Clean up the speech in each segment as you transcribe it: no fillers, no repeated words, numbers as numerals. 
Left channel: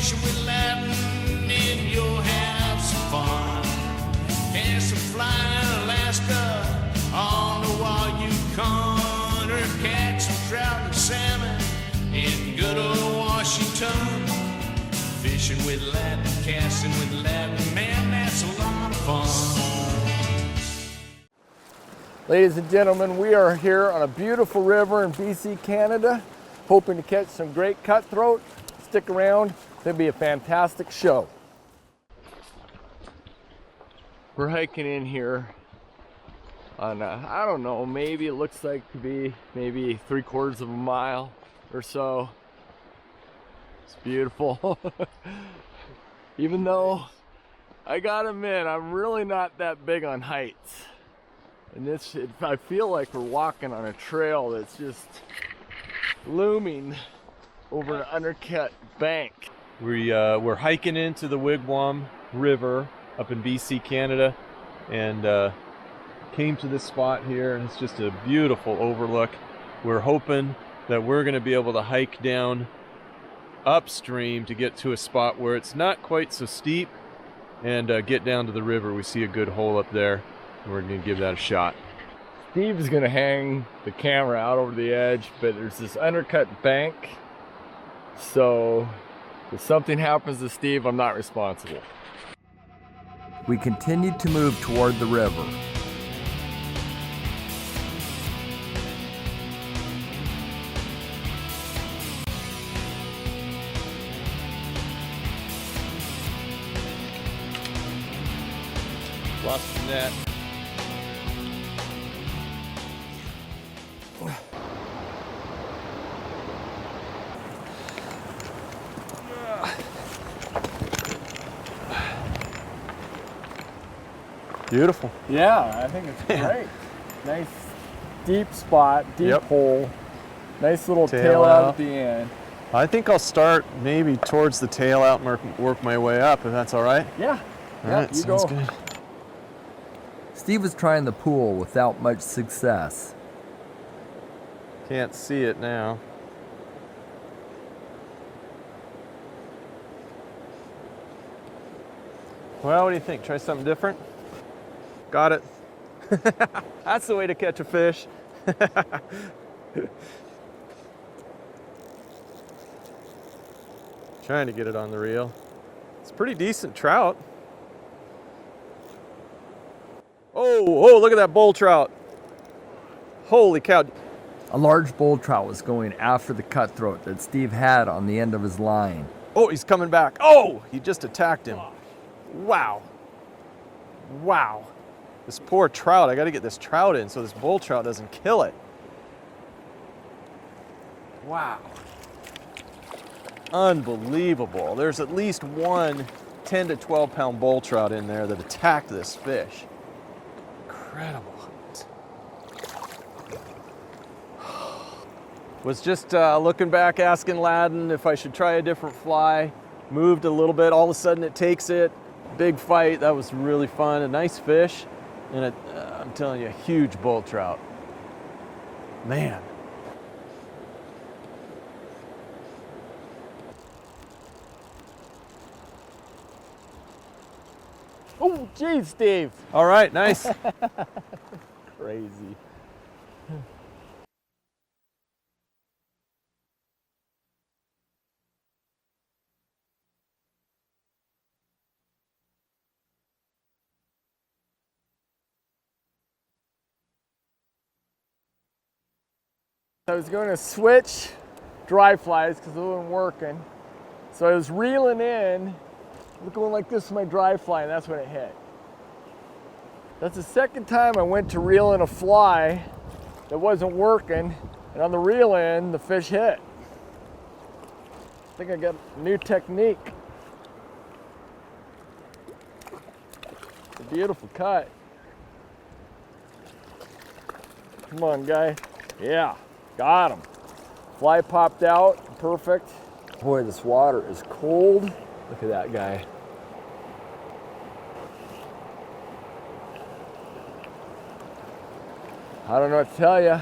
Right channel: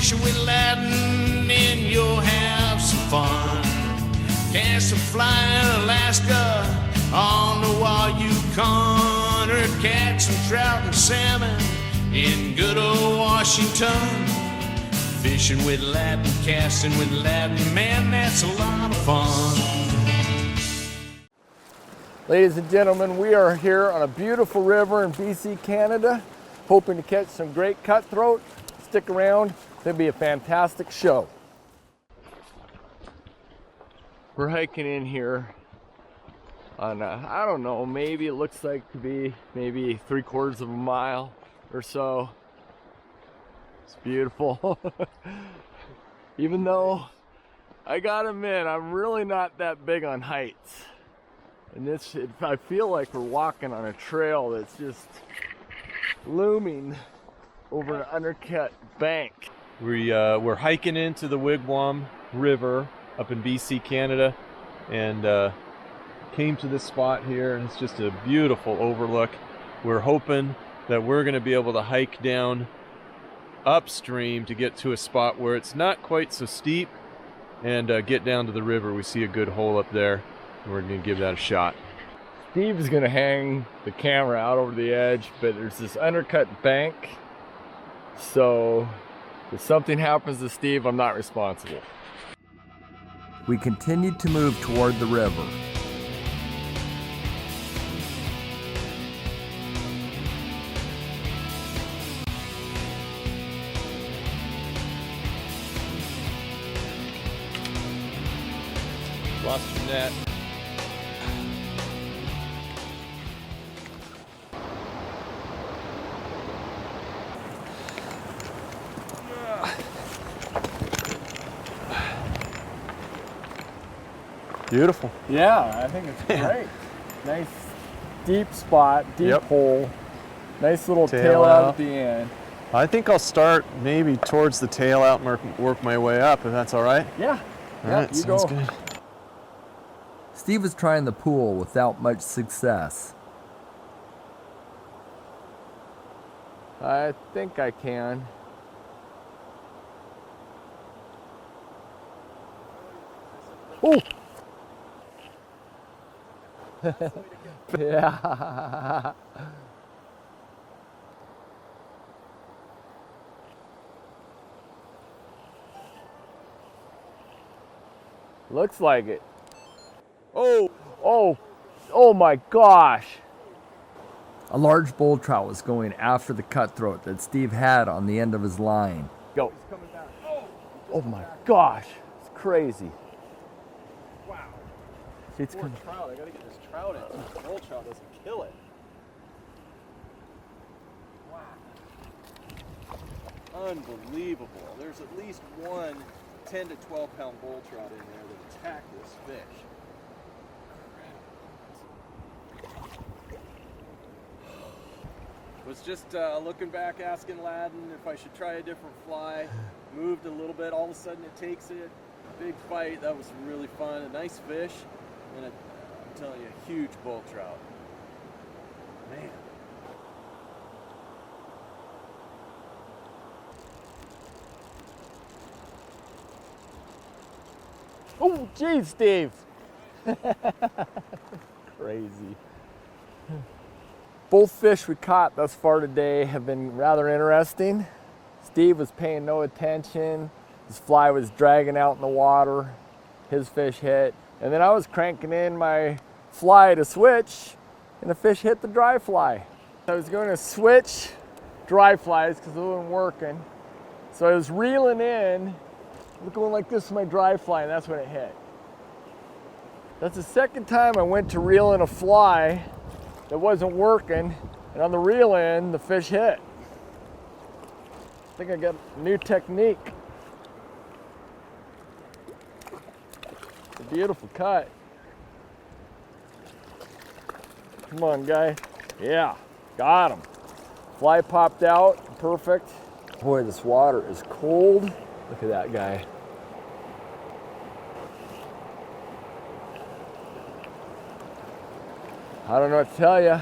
fishing with Ladin and you'll have some fun. Cast a fly in Alaska on the Yukon, or catch some trout and salmon in good old Washington. Fishing with Ladin, casting with Ladin, man, that's a lot of fun. Ladies and gentlemen, we are here on a beautiful river in BC, Canada, hoping to catch some great cutthroat. Stick around, it'll be a fantastic show. We're hiking in here on I don't know, maybe it looks like it could be maybe 3/4 of a mile or so. It's beautiful. Even though I gotta admit, I'm really not that big on heights. And I feel like we're walking on a trail that's just looming over an undercut bank. We're hiking into the Wigwam River up in BC, Canada, and came to this spot here, and it's just a beautiful overlook. We're hoping that we're going to be able to hike down upstream to get to a spot where it's not quite so steep and get down to the river. We see a good hole up there. We're going to give that a shot. Steve is going to hang the camera out over the edge, but there's this undercut bank. So if something happens to Steve, I'm not responsible. We continued to move toward the river. Lost the net. Beautiful. Yeah, I think it's great. Nice deep spot, deep hole. Nice little tail out at the end. I think I'll start maybe towards the tail out and work my way up, if that's all right. Yeah. All right, sounds good. Steve was trying the pool without much success. Can't see it now. I think I can. Well, what do you think? Try something different? Ooh. Got it. That's the way to catch a fish. Yeah. Trying to get it on the reel. It's pretty decent trout. Looks like it. Oh, look at that bull trout. Oh my gosh. Holy cow. A large bull trout was going after the cutthroat that Steve had on the end of his line. Oh, he's coming back. Oh, he just attacked it. Gosh, it's crazy. Wow. This poor trout, I gotta get this trout in so this bull trout doesn't kill it. Wow. Unbelievable. There's at least one 10 to 12 pound bull trout in there that attacked this fish. Incredible. Was just looking back, asking Ladin if I should try a different fly. Moved a little bit, all of a sudden it takes it. Big fight, that was really fun. A nice fish, and I'm telling you, a huge bull trout. Man. Oh, geez, Steve. All right, nice. Crazy. Both fish we caught thus far today have been rather interesting. Steve was paying no attention. His fly was dragging out in the water. His fish hit. And then I was cranking in my fly to switch, and the fish hit the dry fly. I was going to switch dry flies because it wasn't working. So I was reeling in, going like this with my dry fly, and that's when it hit. That's the second time I went to reel in a fly that wasn't working, and on the reel in, the fish hit. I think I got a new technique. It's a beautiful cut. Come on, guy. Yeah, got him. Fly popped out, perfect. Boy, this water is cold. Look at that guy. I don't know what to tell you.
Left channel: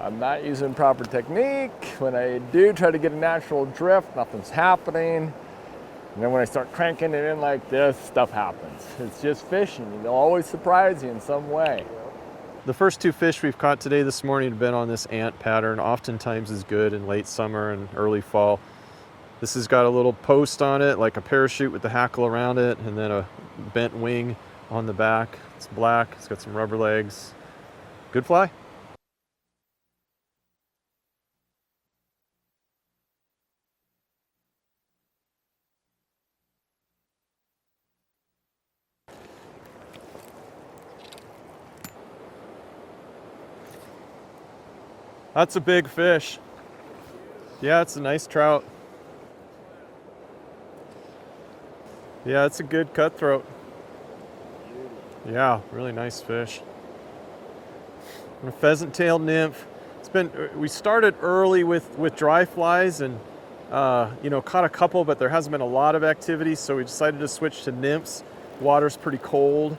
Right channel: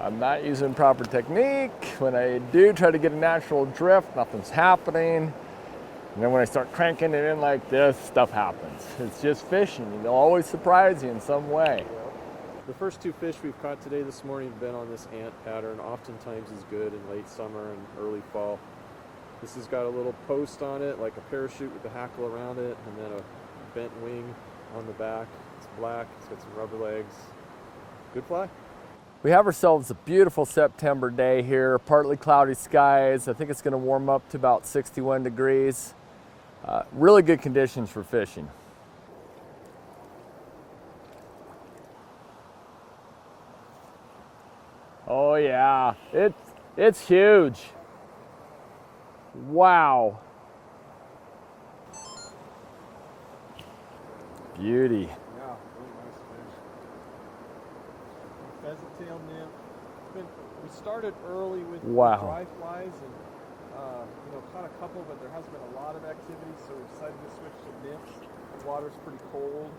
I'm not using proper technique. When I do try to get a natural drift, nothing's happening. And then when I start cranking it in like this, stuff happens. It's just fishing. They'll always surprise you in some way. The first 2 fish we've caught today this morning have been on this ant pattern. Oftentimes is good in late summer and early fall. This has got a little post on it, like a parachute with the hackle around it, and then a bent wing on the back. It's black, it's got some rubber legs. Good fly. We have ourselves a beautiful September day here, partly cloudy skies. I think it's going to warm up to about 61 degrees. Really good conditions for fishing. Oh, That's a big fish. It's huge. Yeah, it's a nice trout. Wow. Yeah, it's a good cutthroat. Beauty. Yeah, really nice fish. A pheasant-tailed nymph. We started early with dry flies and caught a couple, but there hasn't been a lot of activity, so we decided to switch to nymphs. Water's pretty cold,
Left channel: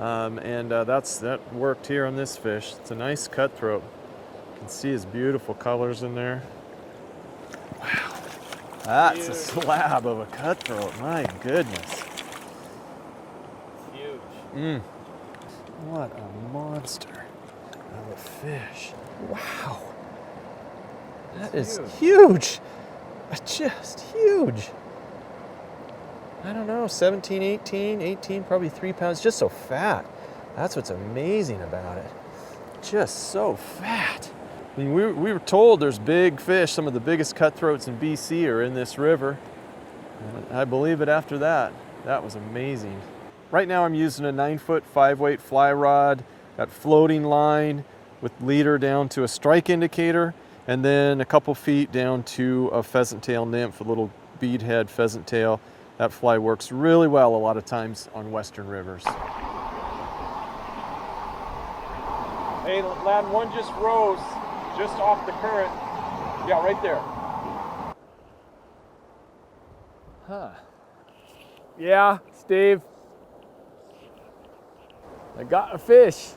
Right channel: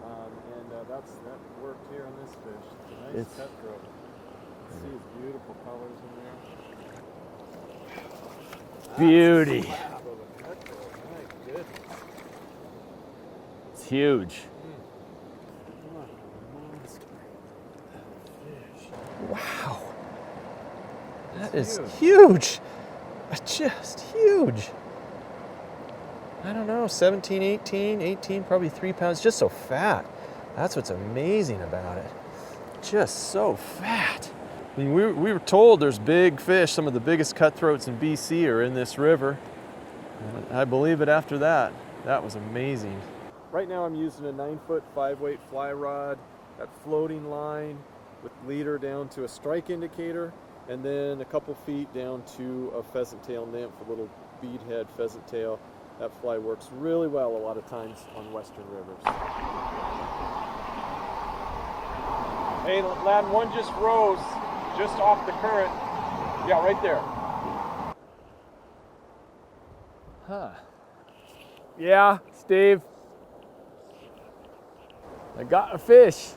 and that worked here on this fish. It's a nice cutthroat. You can see his beautiful colors in there. Wow. That's Beauty. a slab of a cutthroat, my goodness. It's huge. What a monster of a fish. Wow. That is huge. Just huge. I don't know, 17, 18, probably 3 pounds, just so fat. That's what's amazing about it. Just so fat. I mean, we were told there's big fish, some of the biggest cutthroats in BC are in this river. And I believe it after that. That was amazing. Right now I'm using a 9-foot 5-weight fly rod, got floating line with leader down to a strike indicator, and then a couple feet down to a pheasant tail nymph, a little bead head pheasant tail. That fly works really well a lot of times on western rivers. Hey, Ladin, one just rose, just off the current. Yeah, right there. Huh. Yeah, Steve. I got a fish.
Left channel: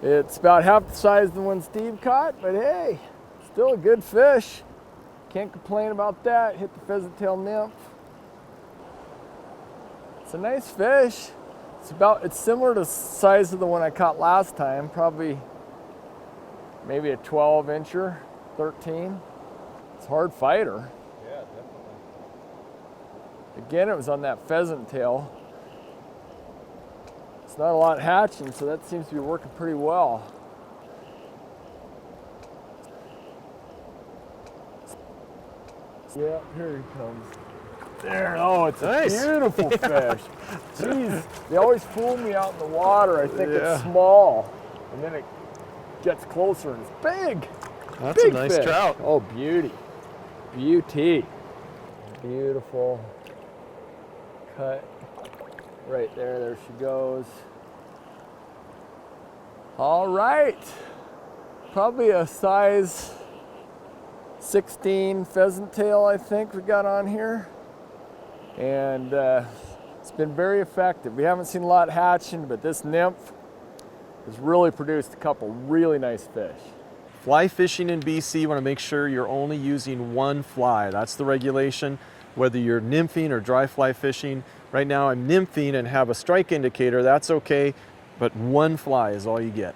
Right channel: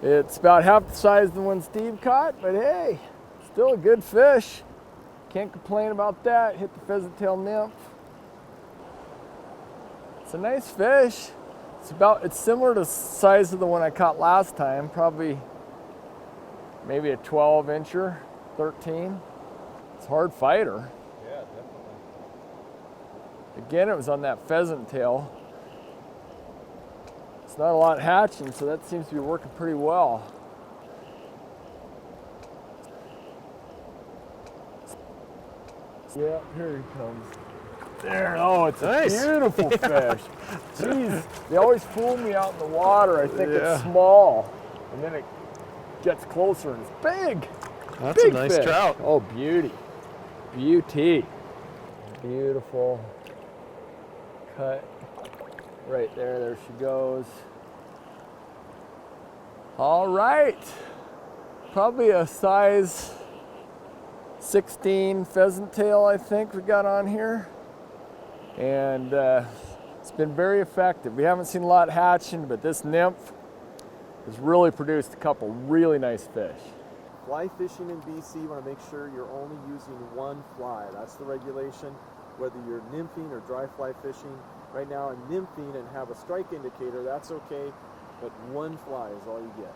It's about half the size of the one Steve caught, but hey, still a good fish. Can't complain about that. Hit the pheasant tail nymph. It's a nice fish. It's similar to the size of the one I caught last time, probably maybe a 12-incher, 13. It's a hard fighter. Yeah, definitely. Again, it was on that pheasant tail. It's not a lot hatching, so that seems to be working pretty well. Yeah, here he comes. There, oh, it's nice. A beautiful fish. Jeez, they always fool me out in the water. I think it's small, and then it gets closer and it's big. That's big a nice fish. trout. Oh, beauty. Beauty. Beautiful cut. Right there, there she goes. All right. Probably a size 16 pheasant tail, I think we got on here. And it's been very effective. We haven't seen a lot hatching, but this nymph has really produced a couple really nice fish. Fly fishing in BC, you want to make sure you're only using one fly. That's the regulation, whether you're nymphing or dry fly fishing. Right now I'm nymphing and have a strike indicator, that's okay, but one fly is all you get.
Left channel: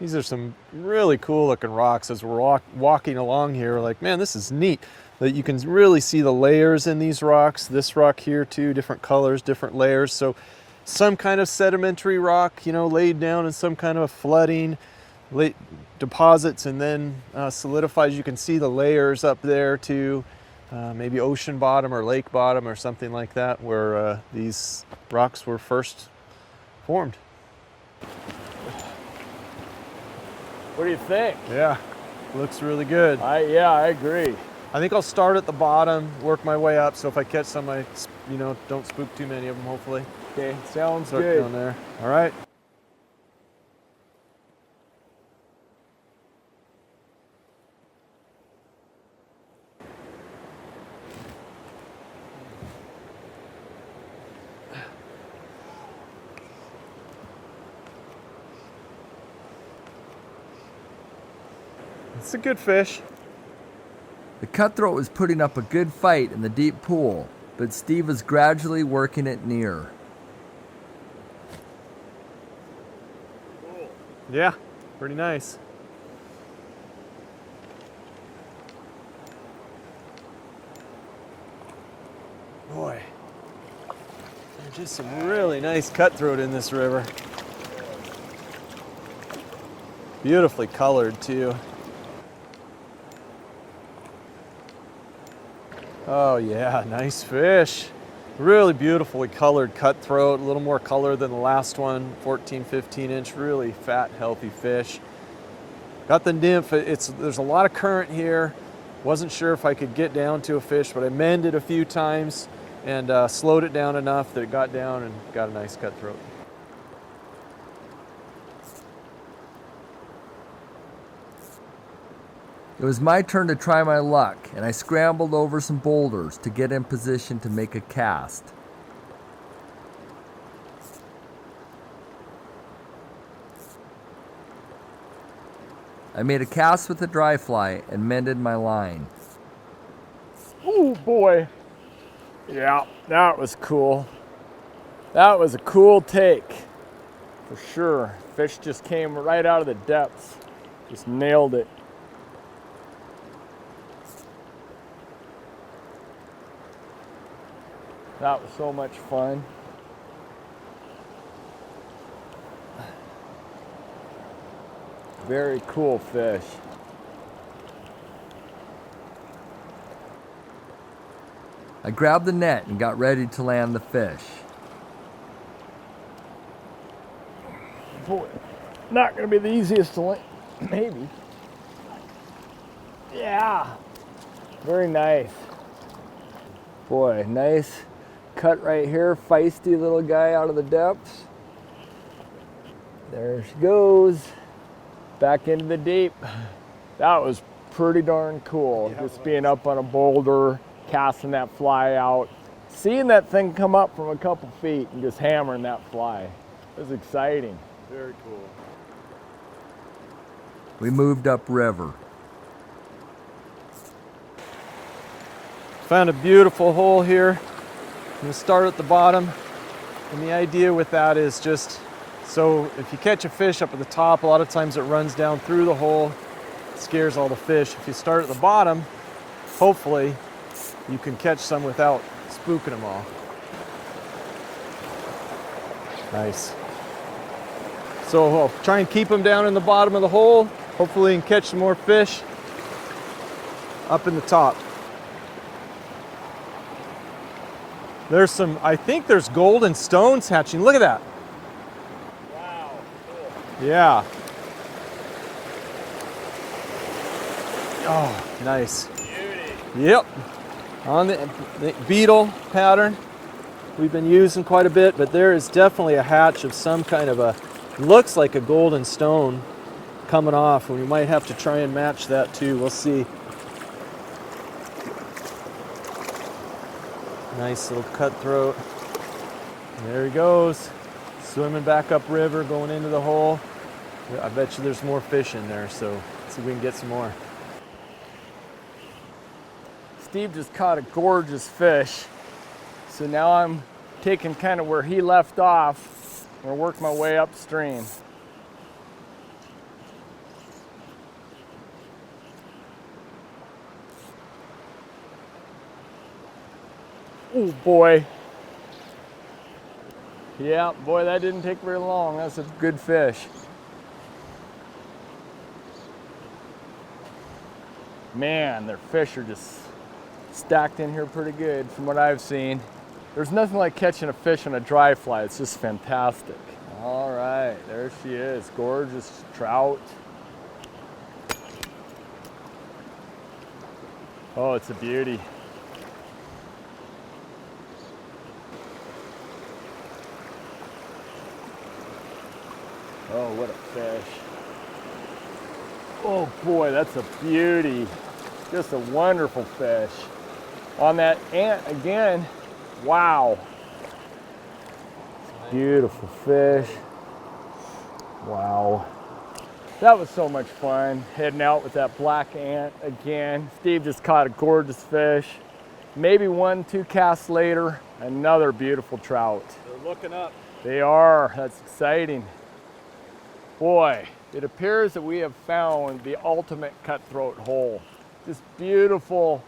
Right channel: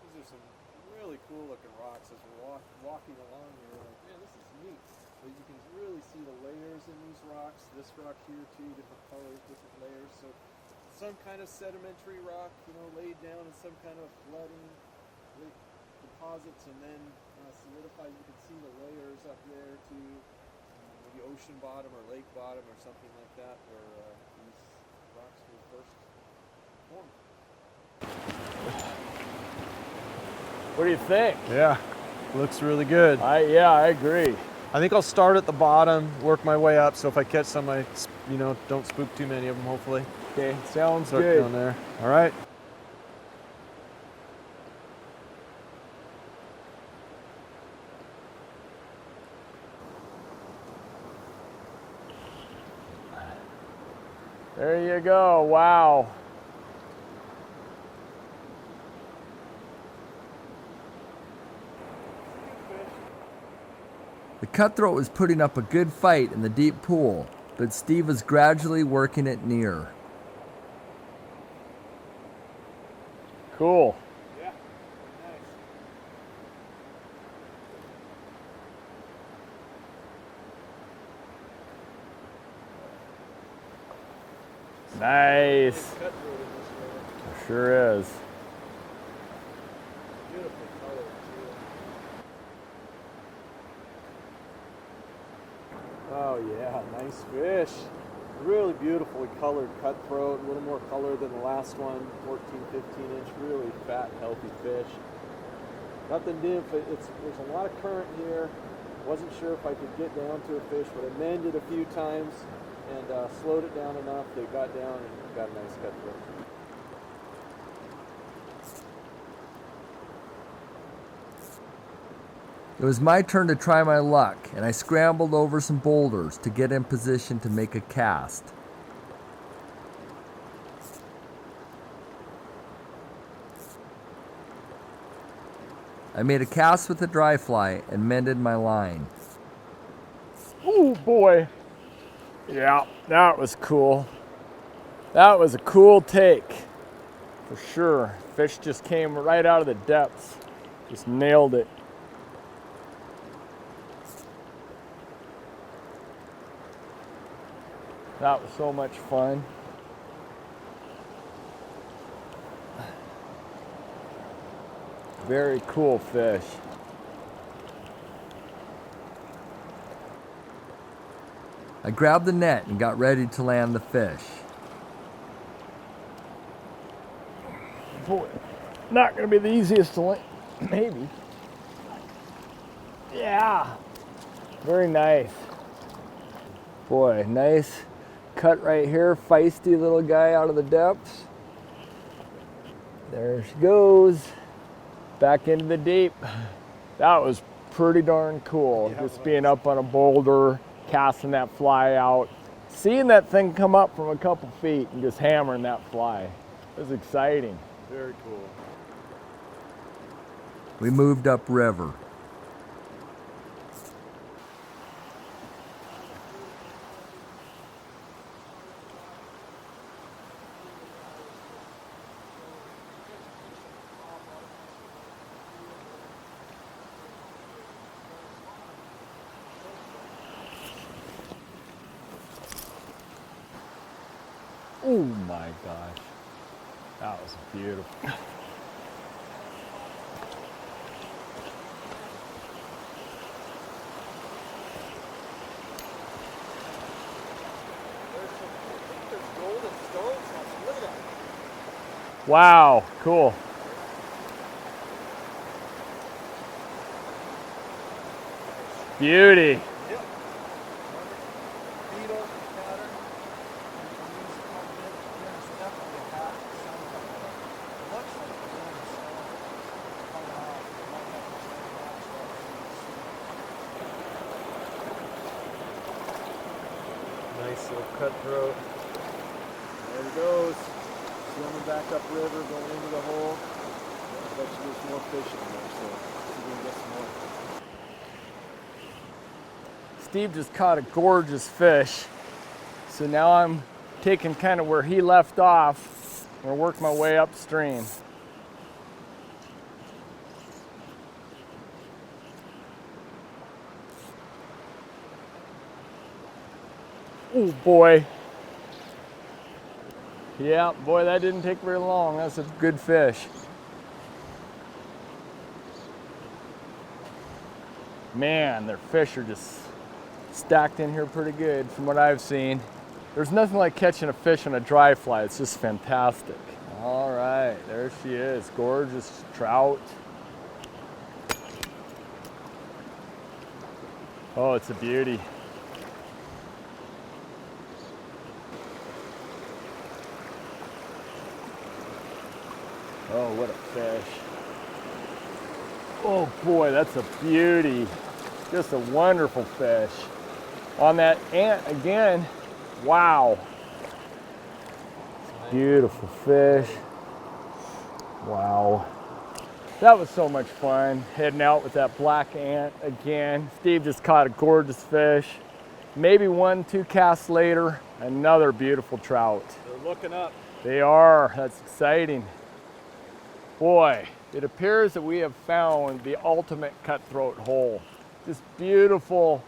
These are some really cool looking rocks as we're walking along here. We're like, man, this is neat. That you can really see the layers in these rocks. This rock here too, different colors, different layers. So some kind of sedimentary rock, you know, laid down in some kind of a flooding, deposits and then solidifies. You can see the layers up there too. Maybe ocean bottom or lake bottom or something like that, where these rocks were first formed. What do you think? Yeah, looks really good. Yeah, I agree. I think I'll start at the bottom, work my way up, so if I catch some, I don't spook too many of them, hopefully. Okay, sounds Start good. down there. All right. There you go, wow. It's a good fish. The cutthroat was putting up a good fight in the deep pool, but Steve was gradually working it near. Cool. Yeah, pretty nice. Boy, there's just some really nice cutthroat in this river. Sure is. Beautifully colored too. Oh yeah, nice fish. Really beautifully colored cutthroat, a little more color than the last one, 14, 15 inch, really fat, healthy fish. Got the nymph, there's a lot of current here. Wasn't sure if I could get down to a fish, but I mended a few times and slowed it down enough that it got down and got a nice cutthroat. It was my turn to try my luck, and I scrambled over some boulders to get in position to make a cast. I made a cast with a dry fly and mended my line. Oh boy. Yeah, that was cool. That was a cool take, for sure. Fish just came right out of the depths. Just nailed it. That was so much fun. Very cool fish. I grabbed the net and got ready to land the fish. Boy, not gonna be the easiest to land, maybe. Yeah, very nice. Boy, nice cut right here, feisty little guy out of the depths. There she goes, back into the deep. That was pretty darn cool, just being up on a boulder, casting that fly out, seeing that thing come up from a couple feet and just hammering that fly. It was exciting. Very cool. We moved upriver. Found a beautiful hole here. I'm gonna start at the bottom. And the idea with that is just, so if you catch a fish up at the top, a lot of times it runs down through the hole, scares all the fish. If you start at the bottom, hopefully you can catch some without spooking them all. Oh my gosh. Nice. That was beautiful. So I'll try and keep them down in the bottom of the hole. Hopefully you can catch some more fish up in the top. There's some, I think there's golden stones hatching. Look at that. Wow, cool. Yeah. Oh, nice. Beauty. Yep. On the beetle pattern we've been using quite a bit, but there is definitely a hatch of some kind of a, looks like a golden stone coming off, and we might have to try and match that too. We'll see. Nice little cutthroat. And there he goes, swimming back up river, going into the hole. I bet you there's more fish in there, so let's see if we can get some more. Steve just caught a gorgeous fish. So now I'm taking kind of where he left off. I'm gonna work my way upstream. Oh boy. Yeah, boy, that didn't take very long. That's a good fish. Man, their fish are just stacked in here pretty good from what I've seen. There's nothing like catching a fish on a dry fly. It's just fantastic. All right, there she is. Gorgeous trout. Oh, it's a beauty. Oh, what a fish. Oh boy, that's a beauty. Just a wonderful fish. On that ant again, wow. Beautiful fish. Wow. That was so much fun, heading out with that black ant again. Steve just caught a gorgeous fish. Maybe 1-2 casts later, another beautiful trout. They're looking up. They are, that's exciting. Boy, it appears that we have found the ultimate cutthroat hole. Just beautiful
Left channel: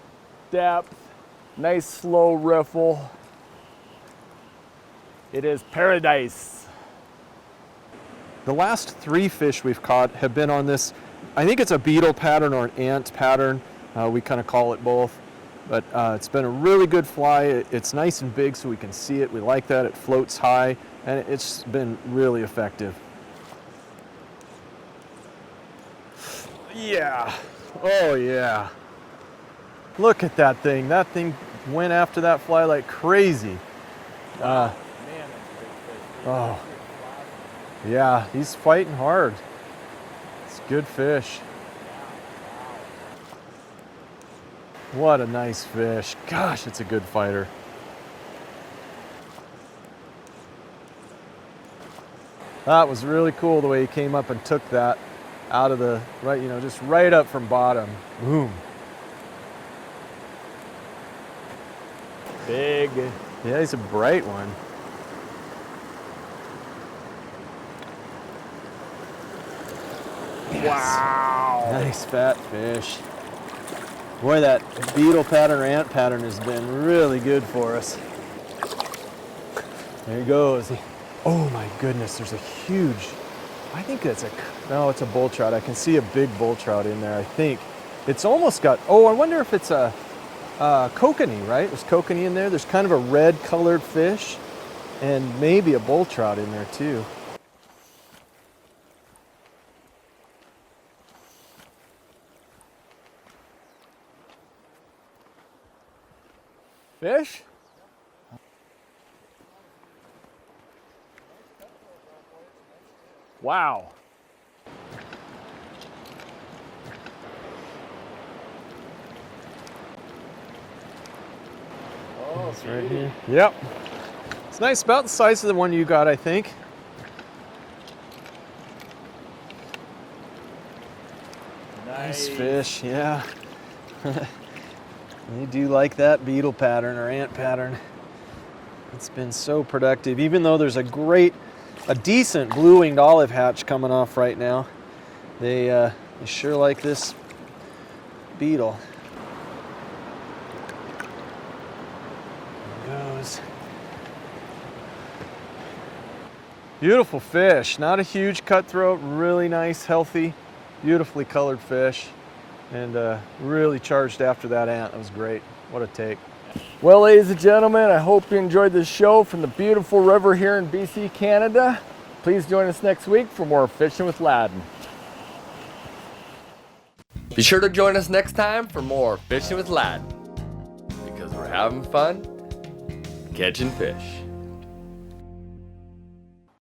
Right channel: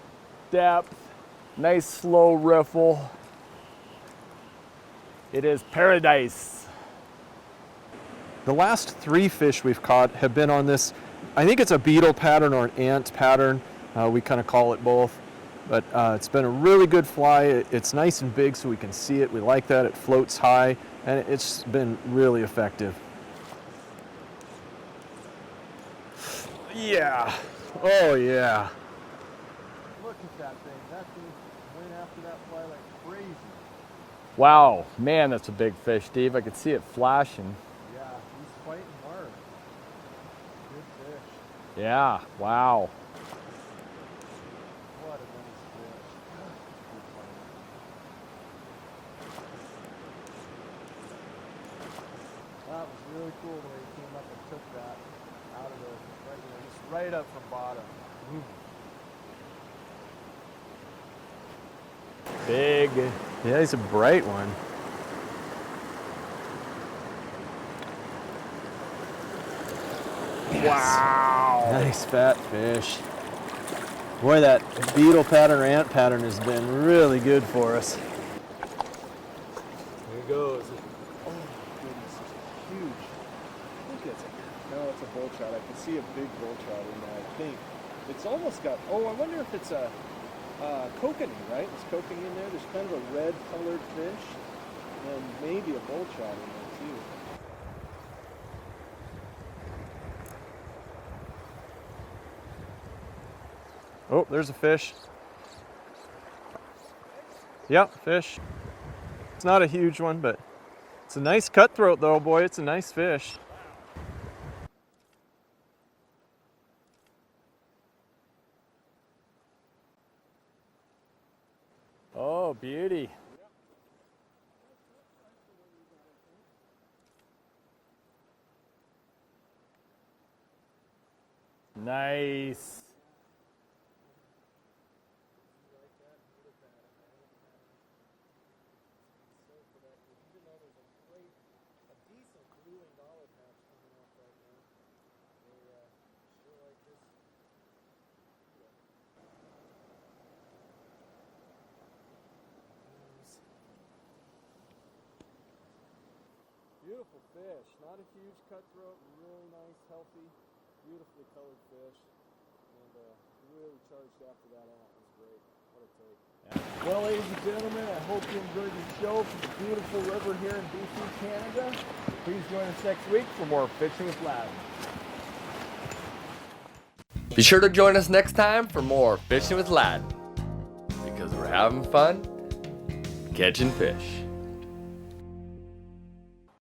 depth, nice slow riffle. It is paradise. The last 3 fish we've caught have been on this, I think it's a beetle pattern or an ant pattern. We kind of call it both. But it's been a really good fly. It's nice and big so we can see it. We like that. It floats high, and it's been really effective. Yeah. Oh, yeah. Look at that thing. That thing went after that fly like crazy. Wow, man, that's a big fish, Steve. I can see it flashing. Yeah, he's fighting hard. It's good fish. Yeah, wow. What a nice fish. Gosh, it's a good fighter. That was really cool the way he came up and took that out of the, right, just right up from bottom. Boom. Big. Yeah, he's a bright one. Yes. Wow. Nice fat fish. Boy, that beetle pattern or ant pattern has been really good for us. There he goes. Oh my goodness, there's a huge, I think it's it's a bull trout. I can see a big bull trout in there, I think. It's almost got, I wonder if it's a kokanee, right? There's kokanee in there. There's kind of a red colored fish and maybe a bull trout in there too. Oh, there's a fish. Fish? Yep, fish. It's not a huge one, but it's a nice cutthroat though, boy. It's a nice fish. Wow. Oh, beauty. Yep. It's nice, about the size of the one you got, I think. Nice. Nice fish, yeah. They do like that beetle pattern or ant pattern. It's been so productive, even though there's a decent blue-winged olive hatch coming off right now. They sure like this beetle. There it goes. Beautiful fish, not a huge cutthroat, really nice, healthy, beautifully colored fish. And really charged after that ant. That was great. What a take. Well, ladies and gentlemen, I hope you enjoyed this show from the beautiful river here in BC, Canada. Please join us next week for more Fishing with Ladin. Be sure to join us next time for more Fishing with Ladin, because we're having fun catching fish.